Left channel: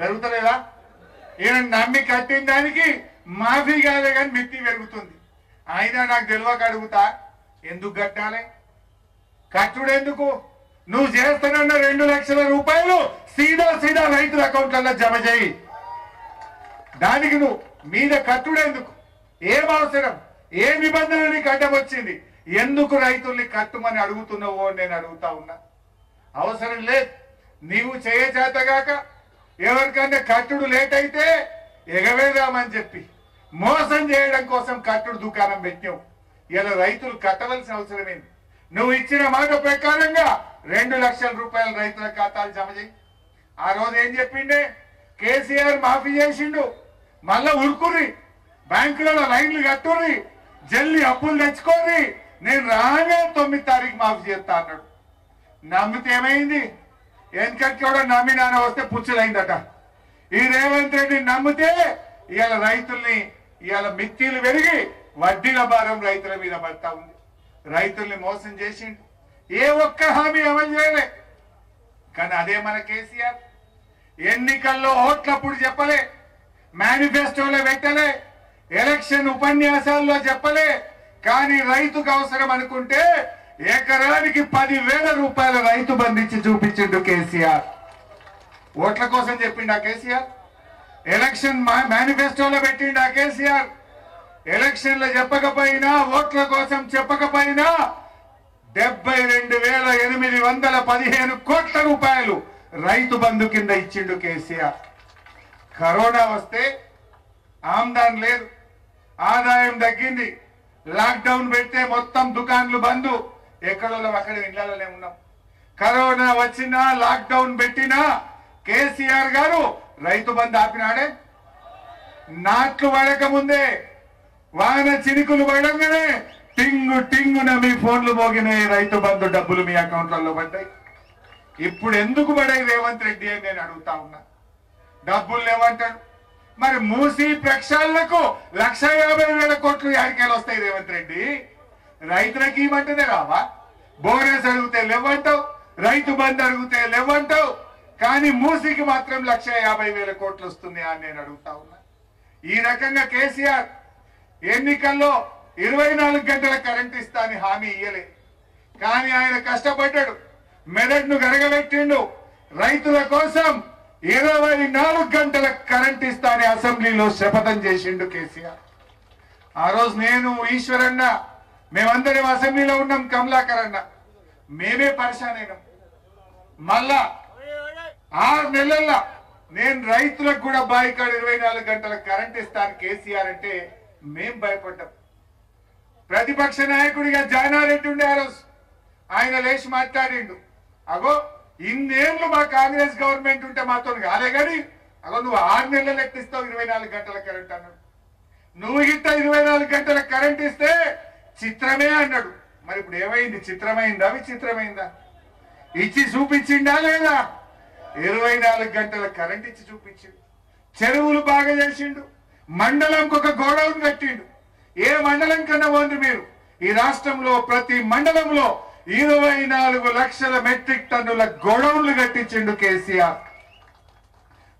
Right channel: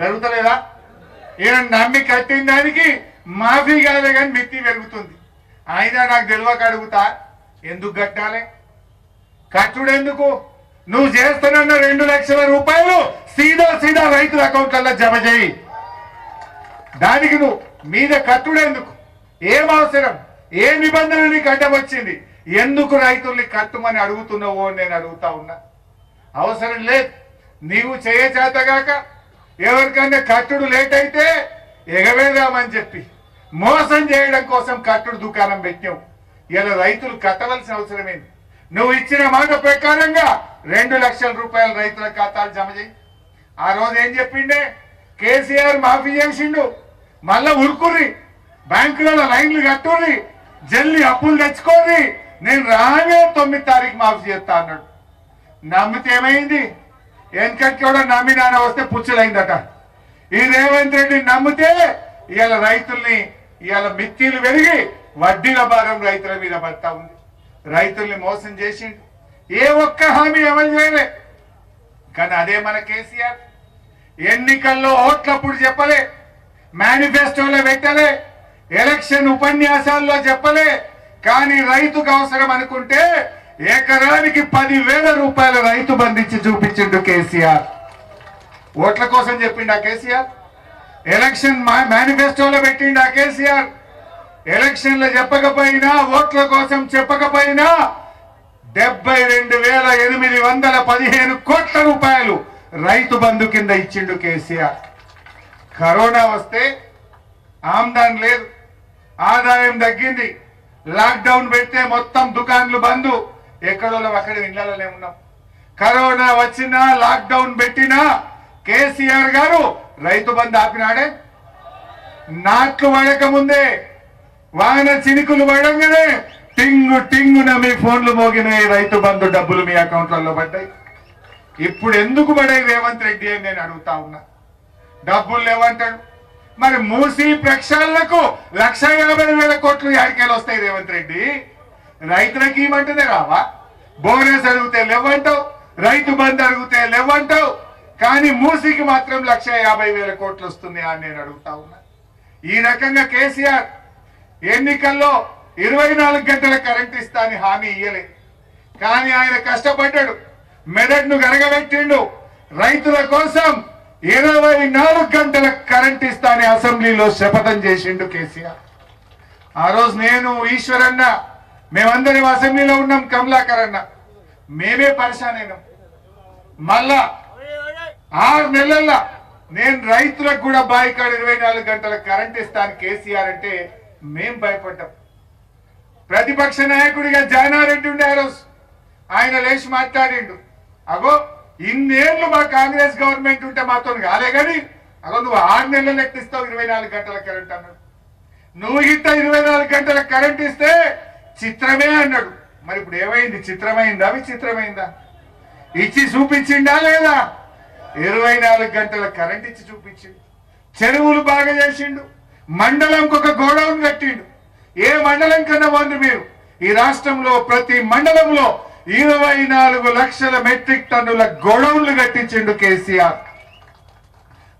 పెరుగుతలేదా? ఈయన నమ్మి కట్టిన దానికి మాఫీ కాలే కానీ మిత్తి పెరుగుతుంది. అయినా నాకు తెలియక అడుగుతా, ఎందుకు కట్టాలి? కట్టుడు ఎందుకు? నువ్వు చేస్తానన్న 2 లక్షల రూపాయలు సీదా రైతుల అకౌంట్లలో జమ చేయి. దానికి నువ్వు మీద కట్టుడు ఎందుకు? ఏం అవసరం? ఏ నిబంధన నీకు అడ్డం వచ్చింది? ఎందుకు రైతుల్ని కట్టుమని అడుగుతున్నావో నేను అడుగుతా ఉన్నా. అవసరం లేదు. నీవు చేయచేతగాక ఎవరికన్నా కట్టుడు లేట్ అయితే ఎగవేదామని చెప్పి మోసం చేయడం కోసం కట్టుడు దుకాణం పెట్టావు. ఇలా రైతులు కట్టవలసిన అవసరమేంది? నువ్వు ఇచ్చిన మాట ప్రకారంగా 2 లక్షల రూపాయలు రైతుల ఖాతాలు జమ చేయి. ఆ రోజు ఏం చెప్పిండే? కేసీఆర్ మాఫీ చేసిండు, మళ్ళా ఉరుకుర్రి, బ్యాంకులలో లైన్లు కట్టుర్రి, జల్లి అప్పులు తెచ్చుకోర్రి, నేను రానే 9 తారీఖు మాఫీ చేస్తా అన్నాడు. నమ్మితే ఏమైంది? వెనకటి కూడా నమ్మి నాన్న వస్తే పుచ్చులైందట. ఈ రేవంత్ రెడ్డి నమ్మితే ఇవాళ రైతుల్ని ఇవాళ మిత్తిలు పెరిగి వడ్డీల భారం రైతుల మీద పడతా ఉంది. రైతుల్ని మోసం చేసిండు. ఏ ఒక్క హామీ అమలు చేయలే. కానీ అదే మన కేసీఆర్ ఎన్నికల్లో ఓట్లప్పుడు చెప్పలే, మేనిఫెస్టోలో పెట్టలే, ఎలక్షన్ ఉపన్యాసాల్లో చెప్పలే. కానీ రైతుకు అవసరం అనుకుంటే ఎకరానికి 10,000 రూపాయల రైతు బంధించి చూపించిండు కేసీఆర్. ఓట్ల కోసం చెప్పిండా కేసీఆర్? ఎలక్షన్ మేనిఫెస్టోలో పెట్టిండా కేసీఆర్? ఎలక్షన్లో చెప్పకపోయినా, ఓట్ల కోసం చెప్పకపోయినా 72,815 కోట్ల రూపాయలు రైతు బంధు కింద ఇచ్చిండు కేసీఆర్. కరోనా వస్తే ఆమ్దాన్ లేదు, ఆదాయం తగ్గింది, లాక్డౌన్ పెడితే మొత్తం దుకాన్లు బంధు, ఎక్కడో అక్కడ ఇళ్లలోనే ఉన్నాం. కరోనా వచ్చినా లాక్డౌన్ పెట్టినా కేసీఆర్ గారు రైతు బంధు ఆపినాడే. నాట్లు పడక ముందే, వాన చినుకులు పడంగానే టింగున మీ ఫోన్లు మోగినాయి, రైతు బంధు డబ్బులు మీ అకౌంట్లలో పడ్డాయి. ఇప్పుడు ఎందుకు పడాయి రేవంత్ రెడ్డి అని నేను అడుగుతా ఉన్నా. డబ్బులు లేవంటాడు. మరి మూసి ప్రక్షాళనకు 1,50,000 కోట్లు యాడికేలు వస్తాయి రేవంత్ రెడ్డి? రైతులకి ఇవ్వమంటేనే రావా? బోనస్ అడిగితే లేవంటావు, రైతు బంధు అడిగితే లేవంటావు, కానీ మూసికి మాత్రం 1,50,000 కోట్లు వస్తుంది అని నేను అడుగుతా ఉన్నా. ఈ రకంగా కేసీఆర్ ఎన్నికల్లో 24 గంటల కరెంట్ ఇస్తా అని హామీ ఇయ్యలే. కానీ ఆయన కష్టపడ్డాడు, మెదడును గరగబెట్టిండు. రైతుల కోసం 24 గంటల కరెంట్ ఇస్తా అని అసెంబ్లీలో శపథం చేసిండు కేసీఆర్. ఆ రోజు నేను, ఈశ్వరన్న, మేమందరం అసెంబ్లీలో ఉన్నాం. కమలాకర్ అన్న, మేమే పరిశాన్ అయినాం. మళ్ళా 6 నెలల్లో నేను రైతులకు కూడా బాయికాడు 24 గంటల కరెంట్ ఇస్తాను కేసీఆర్ అంటే మేం భయపడ్డాం. ప్రతిపక్ష నాయకుడిగా జానారెడ్డి ఉండే ఆ రోజు ఆయన లేచి మాట్లాడిండు, అగో ఇన్నేళ్లు మా కాంగ్రెస్ గవర్నమెంట్ ఉంటే మాతో కాలే కానీ అగో నువ్వు 6 నెలలు ఎక్కిస్తావు 24 గంటల కరెంట్ అన్నాడు. నువ్వు గిట్ట 24 గంటల కరెంట్ ఇస్తే చిత్రమే అన్నాడు. మరి ఇప్పుడు ఏమైంది? చిత్రమైందా విచిత్రమైందా? ఇచ్చి చూపించిండా లేదా? 24 గంటల కరెంట్ ఇచ్చి చూపించిండు. చెరువులు బాగా చేసిండు. మండలంకి ఒక గోడౌన్ కట్టిండు. ఏ మండలం కన్నా పోండి మీరు, ఈ రాష్ట్రంలో ప్రతి మండలంలో 24 లక్షల మెట్రిక్ టన్నుల గోడౌన్లు కట్టించిండు కేసీఆర్.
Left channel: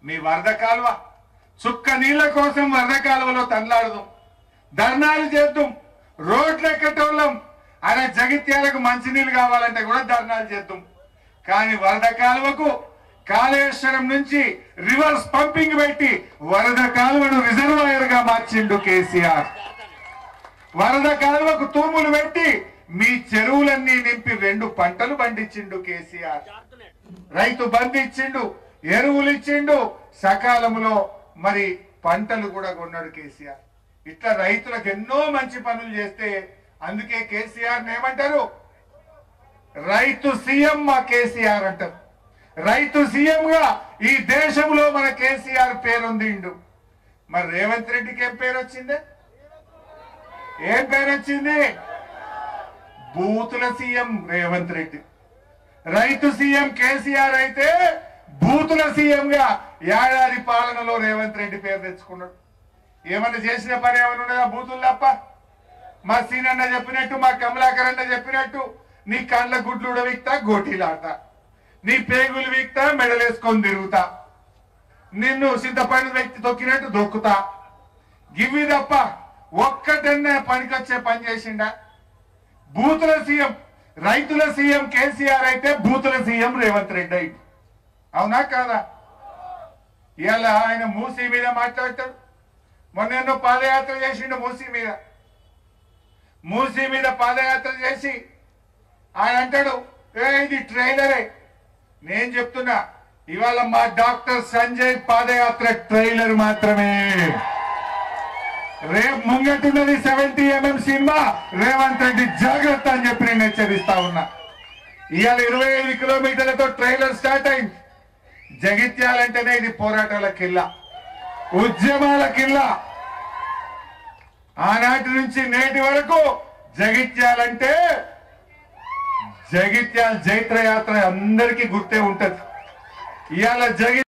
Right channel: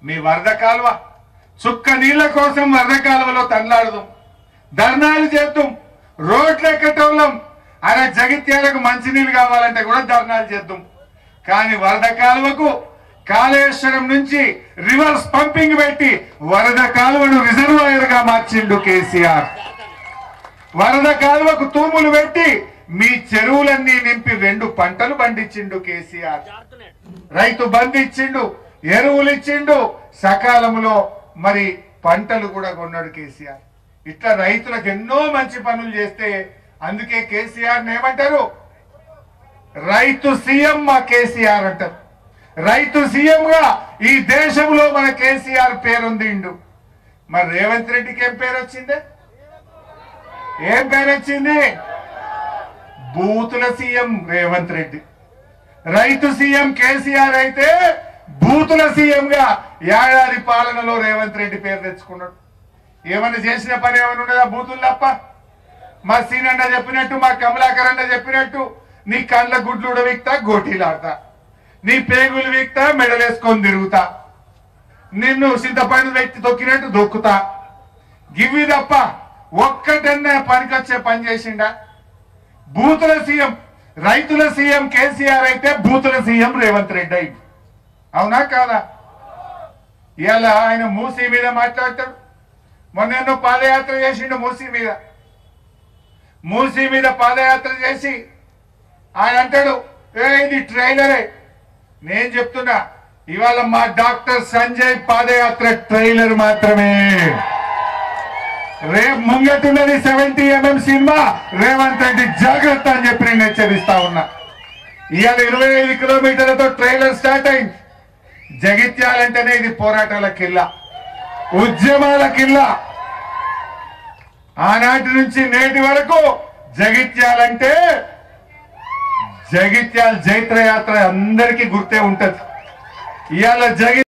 మీ వరద కాలువ చుక్క నీళ్ల కోసం వరద కాలువలో తన్లాడదాం, ధర్నాలు చేద్దాం, రోడ్లు ఎక్కటోళ్ళం. అరే జగిత్యాలకు మంచినీళ్ళు కావాలంటే కూడా ధర్నాలు చేద్దాం. కానీ వరద కాలువకు కాళేశ్వరం నుంచి రివర్స్ పంపింగ్ పెట్టి వరద కాలువను రిజర్వాయర్ గా మార్చిండు కేసీఆర్. వరద కాలువకు తూములు పెట్టి మీ చెరువులన్నీ నింపి 2 పంటలు పండించిండు కేసీఆర్. రైతు బంధు ఇచ్చిండు, ఎరువులు ఇచ్చిండు, సకాలంలో మరి పంటలు కూడా కొన్నాడు కేసీఆర్. ఇట్లా రైతులకు ఎన్నో మంచి పనులు చేస్తే అందుకే కేసీఆర్ ఏమంటారు? రైతు సీఎం మా కేసీఆర్ అంటారు. రైతు సీఎం గా ఈ దేశంలో మన కేసీఆర్ పేరుందిండు. మరి రేవంత్ రెడ్డికి ఏం పేరు వచ్చిందే? ఏం పేరు వచ్చింది? బూతుల సీఎం రేవంత్ రెడ్డి. రైతు సీఎం కేసీఆర్ అయితే బూతుల సీఎం గా ఏడాది పాలనలో రేవంత్ రెడ్డి పేరు తెచ్చుకున్నాడు. ఏమన్నా చేసిన పని ఏమైనా ఉండదా బూతులు తప్ప? మా సీనన్న చెప్పినట్టు, మా కమలాకర్ అన్న చెప్పినట్టు నీ కళ్ళ గుడ్లు ఉడవిక్తా, గోటీలాడతా, నీ పేగులు వీక్తా, మెడలేసుకొని తిరుగుతా. నిన్ను చింతపండు వ్యక్తి తొక్కినట్టు దొక్కుతా. గివి తప్ప ఒక్కటన్నా పనికొచ్చే పని చేసిండా? బూతుల సీఎం, రైతుల సీఎం కేసీఆర్ అయితే బూతుల సీఎం రేవంత్ రెడ్డి అయింది. అవునా కాదా? ఇవాళ ఆయన మూసీ మీద మాట్లాడతాడు. మొన్న పాదయాత్ర చేసిండు మూసీ మీద పాదయాత్ర చేసి ఆయన అంటాడు, ఇది ట్రైలరే. నేను చెప్తున్నా, ఇవాళ మా డాక్టర్ సంజయ్ పాదయాత్ర ట్రైలర్ మాత్రమే. రేపు ముంగట్టున్నది 70mm సినిమా. రేవంత్ రెడ్డి జాగ్రత్త అని చెప్పి నేను హెచ్చరిస్తా ఉన్నా. ఇవాళ 25 కిలోమీటర్లతో ట్రైలర్ స్టార్ట్ అయింది. జగిత్యాలంటేనే ఇది పోరాటాల కిల్లా, ఉద్యమాల కిల్లా. ఆనాటి నుంచి నేటి వరకు జగిత్యాలంటే జగిత్యాల జైత్రయాత్ర అందరికీ గుర్తే ఉంటది. ఇవాళ